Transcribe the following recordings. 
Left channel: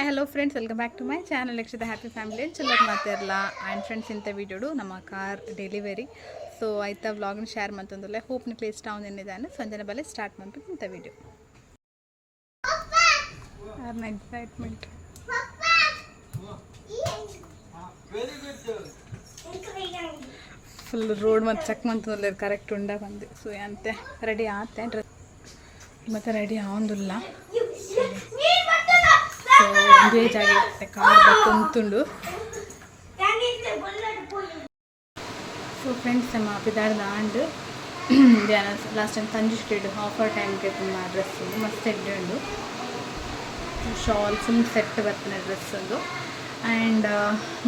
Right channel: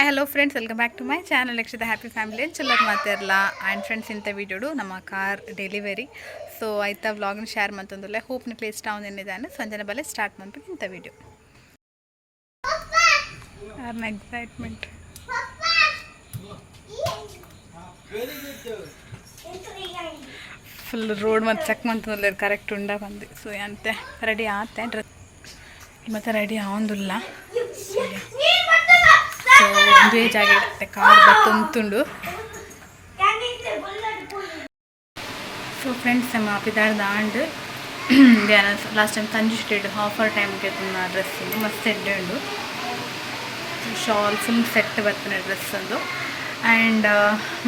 Hi hello friends, welcome back to my channel ಲಕ್ಷದ happy family ಅಂತ ಚಲೋದು ಮಾತಾಡಲ್ಲ. ಆ್ಯಂಡ್ ಫ್ರೆಂಡ್ಸ್, ಇಂಥ ವೀಡಿಯೋಡು ನಮ್ಮ ಕಾರ್ ಡೆಲಿವರಿ. ಸೊ ಆಯ್ತಾ ವ್ಲಾಗ್ನ ಶೇರ್ ಮಾಡ್ತಂದಲ್ಲ. ಹೋಪ್ ನಿಮಗೆ ಇಷ್ಟ ಏನಿದ್ದಾನೆ ಸಂಜೆ ಬಲೆ ಸ್ಟಾರ್ಟ್ ಮಾಡ್ಬೇಕು ಇಂಥ ವೀಡಿಯೋ. ಯಾರನ್ನ ಎಕ್ಸೈಟ್ಮೆಂಟ್ ಫುಲ್ ರೋಡ್ ಮತ್ತು ಚೆಕ್ ಮಾಡ್ತಂದ್ರೆ ಕರೆಕ್ಟ್ ಉಂಡ ಬಂದು. ಸೊ ಅಂತೆ ರೆಡಿ ಆತೆ ಡ್ರೆಸ್ ಮತ್ತು ರೆಡಿ ಆಗೊಂದಿಲ್ಲ. ಸೊ ಒಂದೇ ಜಾಗ ಇರುತ್ತೆ ಕಾರ್ ಬತ್ತೊಂದುಂಡು. ಸೊ ಫ್ರೆಂಡ್ಸ್, ನಮ್ಮ ಪಿದಾಡ್ದ ಆಂಡ್ ಲಾಸ್ಟ್ ಟೈಮ್ ತಂಜು ಸ್ಟೇಡ್ ಆಫರ್ ಟೈಮ್ಗೆ ತುಂಬ ಡ್ರೆಸ್ ಉಂಡು ಮಸ್ತ್ ಎಡ್ಡೆ ಉಂಡು. ಶಾಲ್ ಫುಲ್ ಸೆಟ್ ಬರ್ತಾನೆ ಡ್ರೆಸ್ ಒಂದು. ಆ್ಯಂಡ್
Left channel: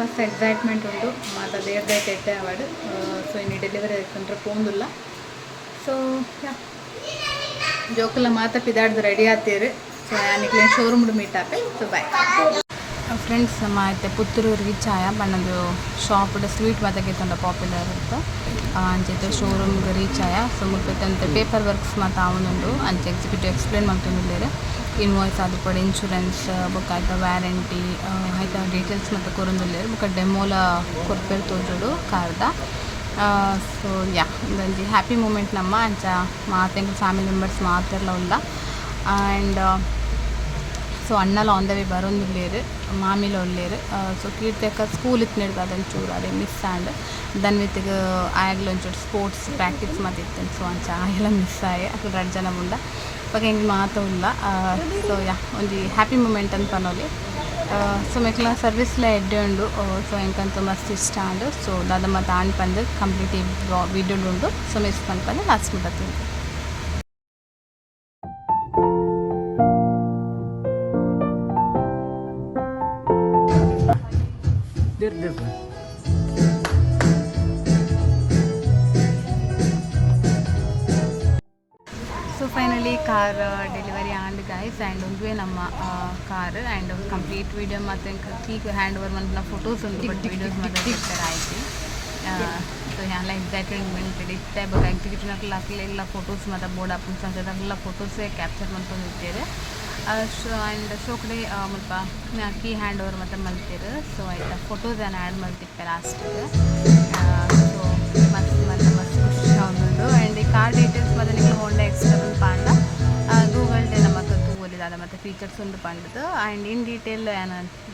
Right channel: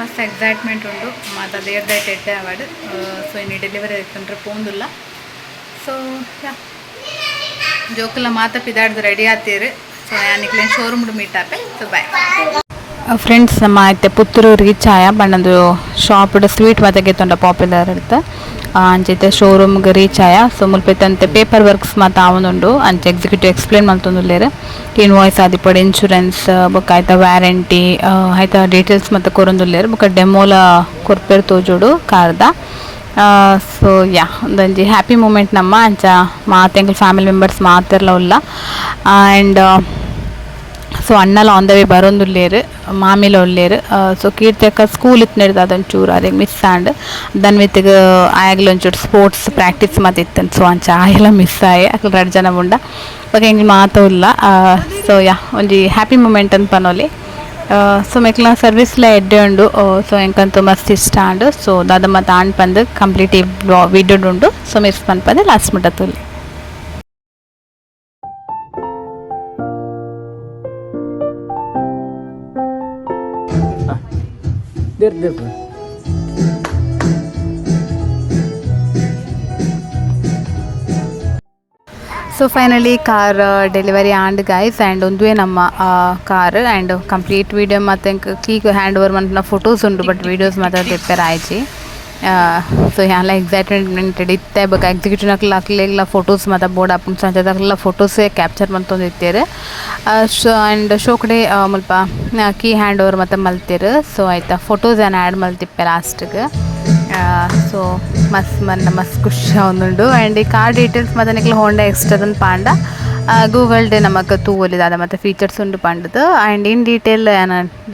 ಮಸ್ತ್ ಎಕ್ಸೈಟ್ಮೆಂಟ್ ಉಂಡು. ಮತ್ತು ದೇವ್ರದೈಟ್ ಎಡ್ಡೆ ಅವಾರ್ಡ್. ಸೊ ಇನ್ನು ಡೆಲಿವರಿ ಆಯ್ತಂದ್ರೆ ಪೋಂದಿಲ್ಲ. ಸೊ ಜೋಕೆಲ್ಲ ಮಾತಾ ಪಿದಾಡ್ದು ರೆಡಿ ಆಗ್ತೀರಿ. ಸೊ ಯಾನಿಕ್ಲೆ ಶೋರೂಮ್ ಮೀಟ್ ಆಪೆ. So bye friends. ನಮ್ಮ ಆಯ್ತೆ ಪುತ್ತೂರು ರೀಚ್ ಆಯ ಬಣ್ಣದು ಶಾಪ್ ಸ್ವೀಟ್ ಮಾತಾಗೆ ತೊಂಡ ಪಾಪ್ಯುಲರ್ ಇರುತ್ತೆ ಅಂಚೈತೆ ಶೋರೂಮ್ಗೆ ರೀಚ್ ಆಯ. ಸೊ ಮುಲ್ಪೈತಂತೆ ಪೇಪರ್ ವರ್ಕ್ಸ್ ಮಾತು ಆವೊಂದುಂಡು ಅಂಚೆ ಎಕ್ಸಿಕ್ಯೂಟಿವ್ ಎಕ್ಸ್ಪ್ಲೇನ್ ಮಾಡ್ತೊಂದುಲ್ಲೇರು. ಇನ್ವಾಯ್ಸ್ ಆದಿಪಡು ಇನ್ಶೂರೆನ್ಸ್ ಬುಕ್ ಆಯ್ತಾ ವ್ಯಾರಂಟಿ ಆಯ್ತಾ ಡೀಟೇಲ್ಸ್ ಮತ್ತು ಕೊರೊಂದುಲ್ಲೇರು. ಬುಕ್ಕ ಡೆಮೋಲ ಕೊರ್ಪೇರು ತೋಜೋಡು ಕಾರ್ದ. ಸೊ ಒಂದೊಂದು ಹ್ಯಾಪಿ ಮೂಮೆಂಟ್ ನಮ್ಮ ಅಂಚ ಮಾತೆಂಗ್ಲ ಫ್ಯಾಮಿಲಿ ಮೆಂಬರ್ಸ್ ಮಾತೆಲ್ಲ ಉಲ್ಲ. ಆ್ಯಂಡ್ ಸೊ ಅಣ್ಣಲ ಆನ್ ದ ವೇ ಬರೋಂದುಲ್ಲೇರು, ಮಾಮಿಲ ಉಳ್ಳೇರು. ಸೊ ಕೀರ್ತಿಯಕ್ಕ ಸ್ಕೂಲ್ ಇತ್ತು ನಡೆದು ಅದೊಂಚೂರು ಅದೇ ಮಿಸ್ ಆಂಡ್ ದನ್ ವಿತ್ಗೆ ಆಯಾಗಲ ಒಂಚೂರು ಸ್ಪೋರ್ಟ್ಸ್ ಪ್ರಾಕ್ಟೀಸ್ ಮತ್ತು ಇತ್ತು. ಸೊ ಅಂಚ ಆಯೆಲ್ಲ ಮಿಸ್ ಆಯೆ ಅಕ್ಲು 2 ಜನ ಉಂಡ ಇವಾಗ ಹೆಂಗೆ ಮಾತು ಇಲ್ಲ. ಸೊ ಒಂಜಿ ಹ್ಯಾಪಿ ಮೂಮೆಂಟ್ ಅಂತ ಪನೋಲಿ. ಸೊ ಮೆಕ್ಲ ಸರ್ವಿಸ್ಲ ಎಡ್ಡೆ ಉಂಡು. ಸೊ ಎಂಕಂತೂ ಮಸ್ತ್ ಇಷ್ಟ ಉಂಡು. ಸೊ ದಾದ ಮತ್ತು ಆಣ್ ಪಂದು ಕಂಪ್ಲೀಟ್ ಈ ವಿಡಿಯೋ ಉಂಡು. ಸೊ ಮಿಸ್ ಪನ್ಪದೆ ಲಾಸ್ಟ್ ಮುಟ್ಟತ್ತಲ್ಲಿ. So finally car delivery and guys. And ಒಂದುವೇ ನಮ್ಮ ಕಾರ್ ಆ್ಯಂಡ್ ಕಂಪ್ಲೀಟ್ ವೀಡಿಯೋ ಮತ್ತು ಕೀಗ್ ಹ್ಯಾಂಡ್ ಓವರ್ ಮಂತ್ನ ಫೋಟೋಸ್ ಉಂಟು. ಬಟ್ ವೀಡಿಯೋಸ್ ಮಾತ್ರ ಪ್ರಿಪೇರ್ ಆಯ್ತು. ಸೊ ಎಲ್ಲ ಎಕ್ಸೈಟ್ಮೆಂಟೆಡ್ ಇತ್ತೆ. ಬಟ್ ಎಕ್ಸಿಕ್ಯೂಟಿವ್ ಹಾಕ್ಲೆಲ್ಲ ಫೋಟೋಸ್ ಮತ್ತು ಬೋರ್ಡ್ ಹಾಕೊಂಡು ಸಂಜೆದಾಗಲೆಲ್ಲ ಫೋಟೋಸೇ ಕ್ಯಾಪ್ಚರ್ ಮಾಡ್ತೊಂದಿರ್ತೀರಿ. ಶೋ ಆ್ಯಂಡ್ ಶೋ ಕಡೆ ಮುಲ್ಪ ಕೀ ಹ್ಯಾಂಡ್ ಓವರ್ ಮತ್ತು ಮಲ್ತೀರಿ. ಸೊ ಆಯ್ತಾ ಫೋಟೋಸ್ ಏನು ಆ್ಯಡ್ ಮಲ್ತಿಪ್ಪೆ ಲಾಸ್ಟಿಗೆ. ಸೊ ಮಸ್ತ್ ಖುಷಿ ಒಂದುಂಡು. ಆ್ಯಂಡ್ ಈ ಕಾರ್ ಡೀಟೇಲ್ಸ್ ಮತ್ತು ನಿಕ್ಲ ಹೋಂಡಾ ಎಕ್ಸ್ಟ್ರಾ ಪಾಂಡ ಗೂಗಲ್ ಡೇ ನಮಗೆ ತೂವಲಿದ ಅದು ಮತ್ತು ಫೀಚರ್ಸ್ ಉಂಡು ಪಂಡದು. ಆ್ಯಂಡ್ ಇನ್ ಡೀಟೇಲ್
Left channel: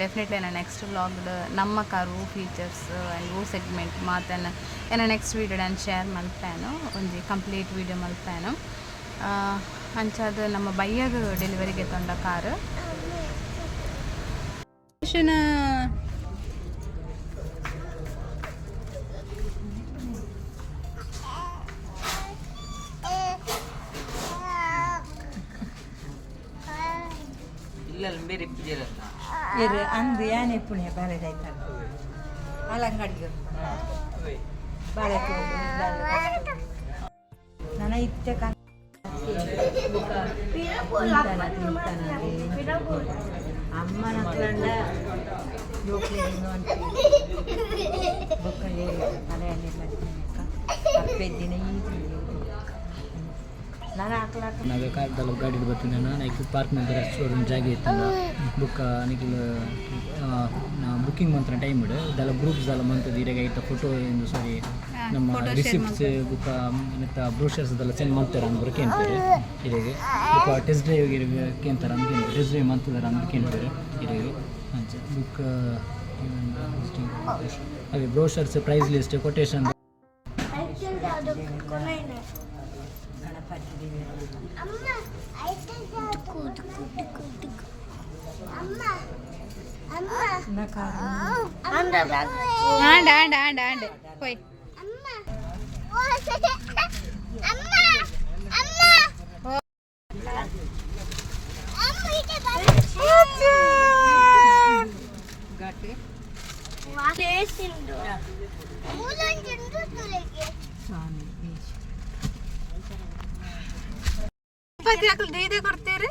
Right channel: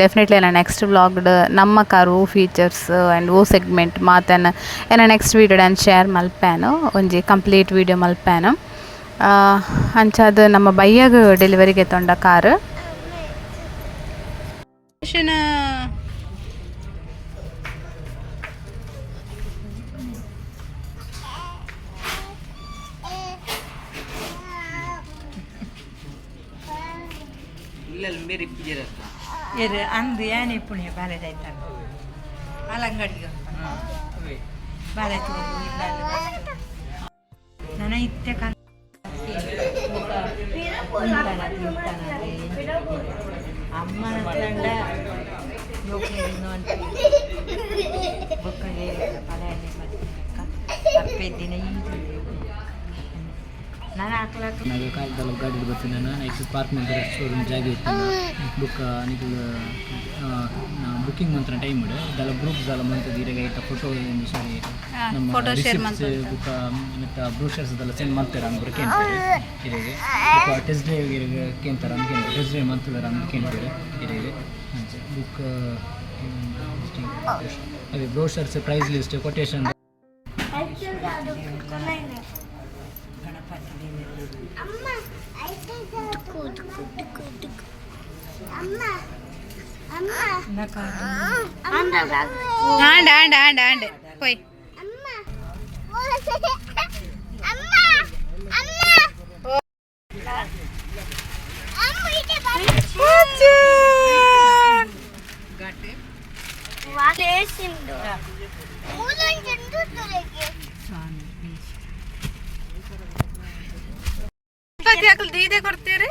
ಡೆಫಿನೆಟ್ಲಿ ನಾನು ನೆಕ್ಸ್ಟ್ ವ್ಲಾಗ್ಡ್ ನಮ್ಮ ಕಾರು ಫೀಚರ್ಸ್ ಆ್ಯಂಡ್ ಸೆಗ್ಮೆಂಟ್ ಮಾತನ್ನು ನೆಕ್ಸ್ಟ್ ವೀಡಿಯೋ ನಾನು ಶೇರ್ ಮಲ್ಪ್ಯಾನು ಒಂಜಿ ಕಂಪ್ಲೀಟ್ ವೀಡಿಯೋ ಮಲ್ಪ್ಯಾನು. ಅಂಚಾದ ನಮ್ಮ ಬಯ್ಯಾಗ ಡೆಲಿವರಿಗೆ ತೊಂಡ ಕಾರು. ಅಂದು ಯಾನೆ ಪುಣ್ಯ ಬಾಳೆ ಅಲಂಗಡಿಗೆ ಬಾಳೆ ನನ ಇತ್ತೆ ಅಮ್ಮನ ಬುಕ್ಕಗೆ ಬಳೆಯಲ್ಲಿ ತಪ್ಪೆ ದಿನ నాకు కార్ గాడి కొట్టినాను నెక్స్ట్ పార్క్ మంత్ర షోరూమ్ ಜಾಗ ಇತ್ತು ಬುಕ್ ನಿಖಿಲ್ ನಾ ಬುಕ್ಕಿಂಗ್ ಮಂತ್ರ ಟೈಮ್ ಇಡು ದಲ ಗ್ರೂಪ್ಸ್ ದಲ ಮಂತ್ ದೀರೆಗೆ ಐತ ಫೋಟೋ ಏನು ಸಾರಿ ನಮ್ಮ ರಿಸಿಪ್ಟ್ಸ್ ಬುಕ್ ಮತ್ತು ಬ್ರೋಷರ್ಸ್ ದಲ ಸೆಂಡ್ ಮಾಡ್ತಾರೆ ಅಂದ್ಬಿಟ್ಟು ಕೇಳ್ತಾರೆ ಇರೆಗೆ ಬುಕ್ ಟೆಸ್ಟ್ ಡ್ರೈವ್ ಇರೆಗೆ ಕೇಳ್ತಾರೆ ಅಂದ್ಕೆ ಟೆಸ್ಟ್ ಡ್ರೈವ್ ಮಾಡ್ತಿದ್ದಾರೆ ಅಂದ್ ಕೇಳ್ತಾರೆ ಇರೆಗೆ ಅಂಚೆ ಬುಕ್ ಅದೇ ಬ್ರೋಷರ್ಸ್ ಪ್ರೈಸ್ ಲಿಸ್ಟ್ ಕೊಟೇಶನ್ ആണ്ട് പോയി ದೀದೆ ಕೊಡ್ತೀರಿ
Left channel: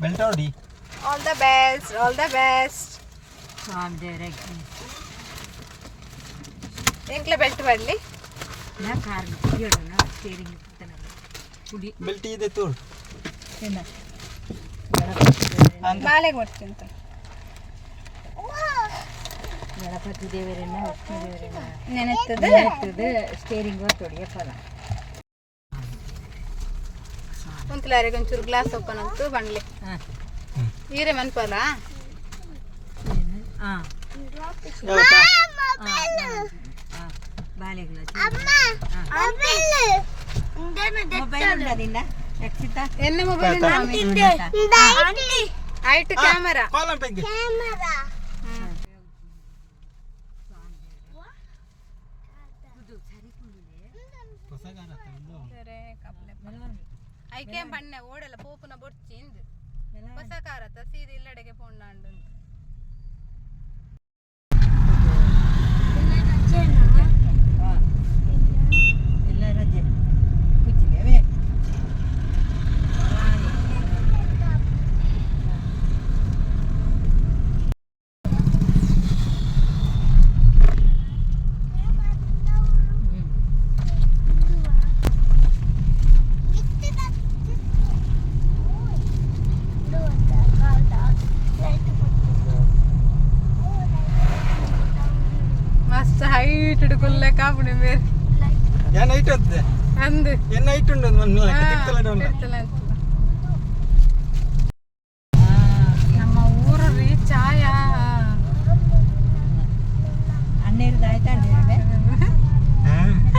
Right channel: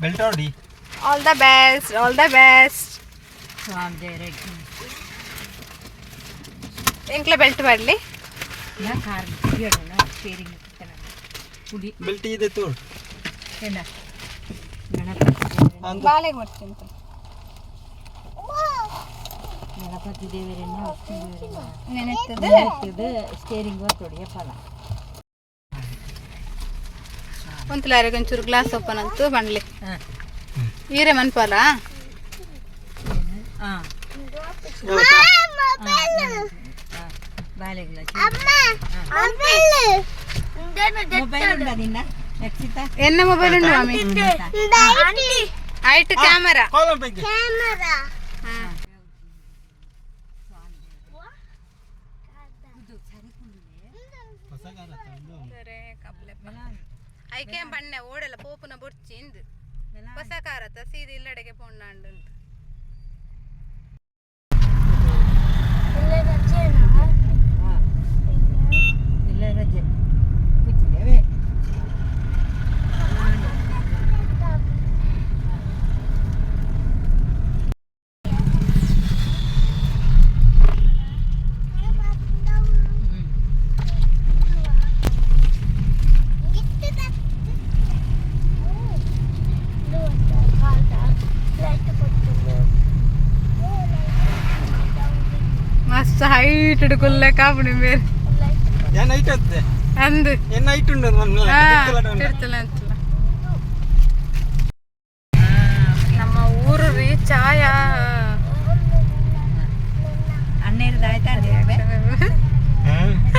Beltodi. All the best. All the best. ಸ್ವಾಮಿ ದೇವ್ರೆ ಎಂಕ್ಲ ಬೆಲ್ಟ್ ಬರಲಿ ನಾ ಕಾರ್ ಬಿಡೋಣ ನಾ ಸ್ಟೇರಿಂಗ್ ಪುಡಿ ಬೆಲ್ಟ್ ಇದೆ ತೋಳು ಏನ ಬಾಳೆಗೆ ಬರ್ತೀನಿ ಗಣಪತಿ ದೇವರನ್ನ ಲಕ್ಷ್ಮೀ ದೇವರನ್ನ ನೆನೆಸ್ತದೆ ಸ್ಟೇರಿಂಗ್ ತೊಡಿಯ ಫಲ ಒಂದ್ಲಾರಿಗೆ ಒಂಚೂರು ಗ್ಲಾಸ್ ಓಪನ್ ಅಂತು ಬಂಡ್ಲಿ ಈರೆ ಮನ್ಪಾಲ ಹಾಂ ಬಾಳೆಗಳ ಮೊಬೈಲ್ ಉಂಟಾ ನಿನ್ನ ಎಕ್ಸಿತ ಎನ್ನ ಮೊಬೈಲ್ ಉಂಟು ಮಾಮಿ ಆಯ್ತು ಕ್ಯಾಮರಾ ಐಕೆ ಬಣ್ಣೆ ಓಡಲ್ಲ ಪೋಪುನ ಬೊಡ್ಚಿಂದು ಹೊಸ ಕಾರತ ಸೀದೆ ಇಲ್ಲಡೆಗೆ ಪೊಂಡಾಂಡು ಎಲ್ಲ ರಜೆ ಕೂತಿದ್ದೇವೆ ಮಸ್ತ್ ಹೈಟ್ ಹಿಡ್ಕೊಲ್ಲ ಕಾಪುಣಿ ಬೇರೆ ಏನು ಐಟ್ ಅಂತದೆ ಅಂದು ಏನು ಐಟ್ ಉಂಟು ತಿರ್ತಲ್ಲ ಅಂತಲ್ಲ ನಮ್ಮ ಊರು ರೀ ಚಾಯ ಅನ್ನೇರ್ದು ಆಯ್ತಾ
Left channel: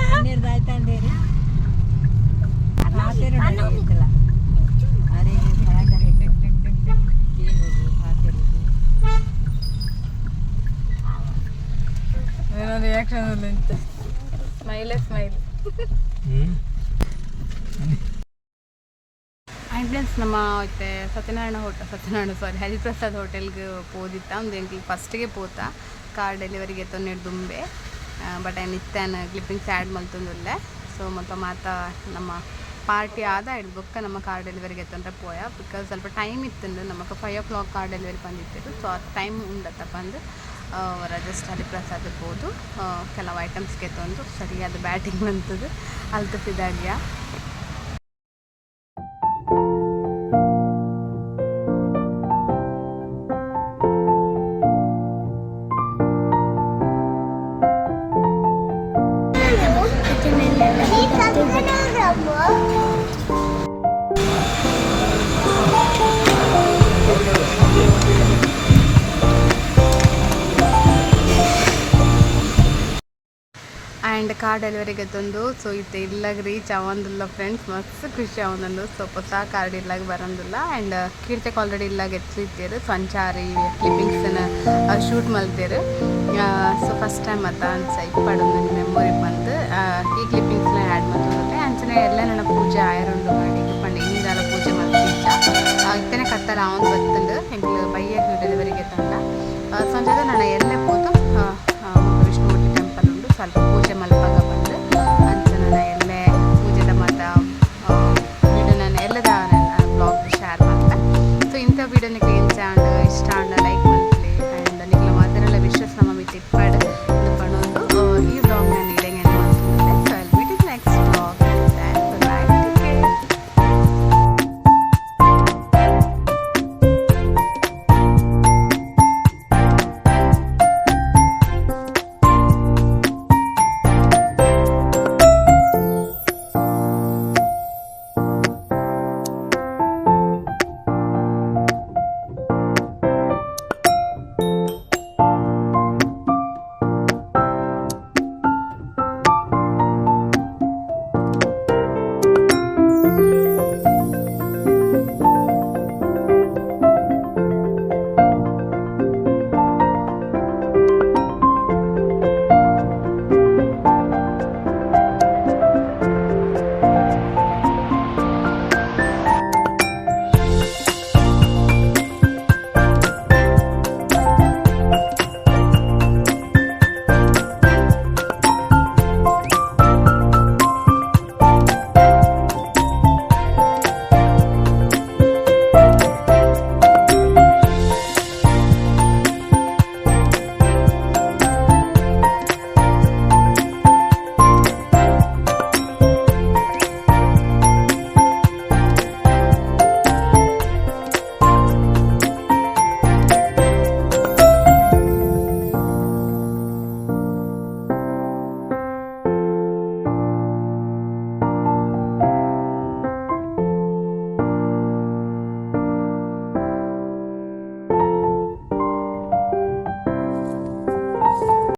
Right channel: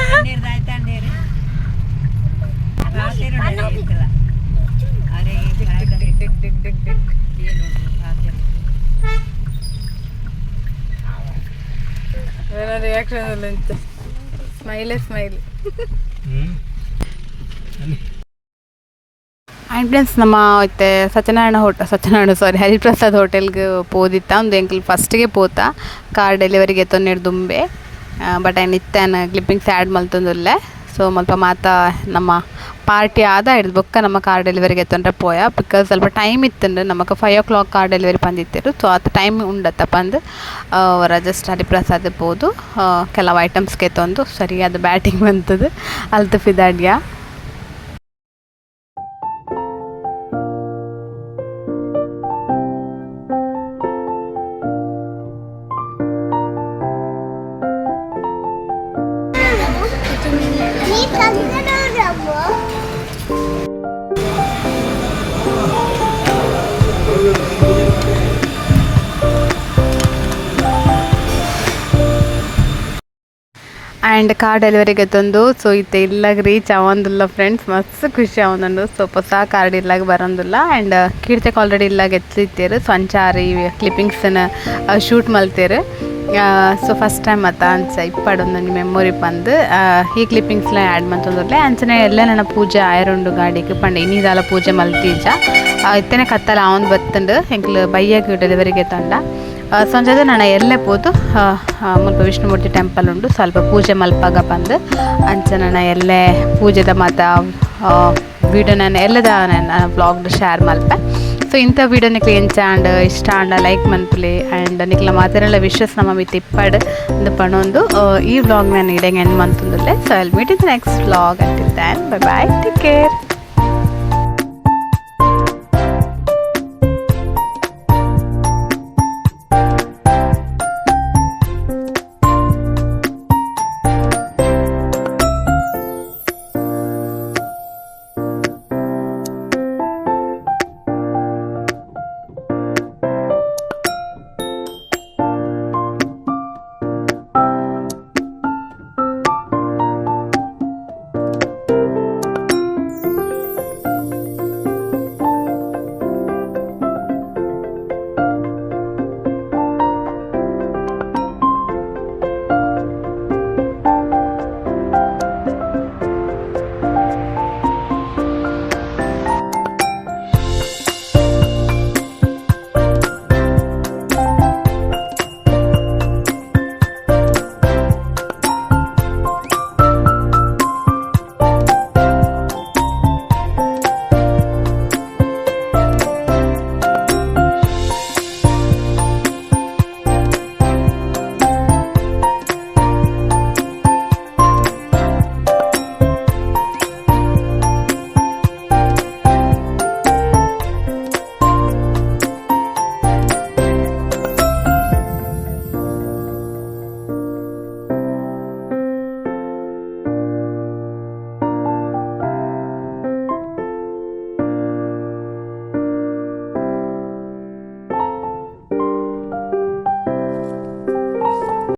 ಅನ್ನೇರ್ದು ಆಯ್ತಾ ಅಂದೇರಿ ರಾತ್ರಿ ಇರ್ತಲ್ಲ ಅರೆ ರಿಯಾಕ್ಷನ್ ಅಂತ ಸ್ಮೈಲೇ ಸ್ಮೈಲ್ ಆ್ಯಂಡ್ ನಮ್ಮ ಇತ್ತೆ ಸತ್ಯನಾರಾಯಣ ಹರಿಪ್ರಸಾದ್ ಹೋಟೆಲ್ಗೆ ಪೋದಿತ್ತ ಒಂದು ಎಂಕ್ಲು ಫಸ್ಟಿಗೆ ಪೋತ ಕಾರ್ ಡೆಲಿವರಿಗೆ ತೊನ್ನೆಡು ದುಂಬೆ ಬಟ್ ಆಯ್ನು ಇತ್ತೇನು ಕ್ಲಿಪ್ಪಿಂಗ್ಸ್ ಆ್ಯಡ್ ಮಲ್ತೊಂದುಲ್ಲೆ ಸೊ ಮಲ್ಪ ಮಾತ ನಮ್ಮ ಪಾರ್ಟಿ ಆದ ಹಿಡಿದು ಬೊಕ್ಕ ನಮ್ಮ ಕಾರ್ ಡೆಲಿವರಿಗೆ ತೊಂದರೆ ಪೋಯ ಬಿಕಾಸ್ ಸ್ವಲ್ಪ ಟೈಮ್ ಇತ್ತಂದ್ರೆ ನಮಗೆ 5 o'clock ಕಾರ್ ಡೆಲಿವರಿ ಬಂದಿತ್ತಿರು ಸೊ ಅದು ಟೈಮ್ ಉಂಡತ್ತ ಬಂದು ಅವರ ಜಸ್ಟ್ ಹರಿಪ್ರಸಾದ್ ಬೋದು ಕೆಲವು ಐಟಮ್ಸ್ಗೆ ತೊಂದು ಸರಿಯಾದ ಬ್ಯಾಟಿಂಗ್ ಬಂತದ್ದು ಅಲ್ತು ಫಿದಾಡ್ಯ ಆ್ಯಂಡ್ ಕಾರ್ ಡೆಲಿವರಿಗೆ ತಂದು ಸೊ ಇತ್ತೆ ಇಲ್ಲಾಗ ರೀಚ್ ಆವಂದಿಲ್ಲ ಫ್ರೆಂಡ್ಸ್ ಮಸ್ತ್ ಖುಷಿ ಆವಂದು ಸೊ ಹೊಸ ಕಾರ್ಡ್ ಇಲ್ಲಾಗ ಬರೋದಿಲ್ಲ ಆ್ಯಂಡ್ ಕೀರ್ತಿಗೆ ಆಲ್ರೆಡಿ ಇಲ್ಲಾಗ ಎತ್ತಿತ್ತೇರು ಸೊ ಅಂಚಾರಿ ಕ್ಲಿಪ್ಪಿಂಗ್ಸನ್ನ ಶೂಟ್ ಮಲ್ತೇರು ಸೊ ಫಸ್ಟ್ ಟೈಮ್ ಮತ್ತು ಅನ್ಸ ಇಪ್ಪಡೊಂದು ಮೆಮೊರಿ ಬಂದು ಈ ಕ್ಲಿಪ್ಪಿಂಗ್ಸ್ನ ಆ್ಯಡ್ ಮಾಡ್ತಂದ್ರೆ ಅಂಚನೆ ಎಲ್ಲ ನನ್ನ ಪೂಜೆ ಆಯರುಂಡು ಗಾಡಿಗೆ ಪಂಡ ಇನ್ನಿದಾಲ ಪೂಜೆ ಮಲ್ತೀಜ ಇತ್ತೇನೆ ಕತ್ತಲ ಅವನು ಬತ್ತಂಡು ಎಂಕ್ಲು ಬೈಯಾಗಿ ಡೆಲಿವರಿಗೆ ತಂಡ ಸಂಜೆ ನಾನು ಎಲ್ಲೇ ಪೋದು ಮುಲ್ಪ ವಿಷ್ಣುಮೂರ್ತಿ ಟೆಂಪಲ್ ಉಂಡು ಸ್ವಲ್ಪ ಪೂಜೆ ಮಲ್ಪಾಗ ಬಂದು ಅಂಚ ನಾನು ಎಲ್ಲೇ ಪೂಜೆದ ಮಾತ ವೀಡಿಯೋ ನಾನು ಎಲ್ಲದ ನಾನು ಬ್ಲಾಗ್ಡ್ ಶೇರ್ ಮಲ್ಪೆ ಸೊ ಇಂಥ ವೀಡಿಯೋ ನಿಕ್ಲೆ ಎಂಚಾಂಡ್ ಇಷ್ಟ ಅಂಡ ಲೈಕ್ ಮನ್ಪ್ಲಿ ಆ್ಯಂಡ್ ನಿಕ್ಲ ಮಾತೆಲ್ಲ ವಿಶ್ವಾಸ ನಮ್ಮ ಮಿತ್ ಇಪ್ಪಡ್ ಒಂದು ಪಣೊಂದು ಈ ವ್ಲಾಗ್ ನಾನು ಇಡಂಗೆ ಏನು ಮಂತಂದಿಲ್ಲ so I will meet in the next vlog until then bye bye take care.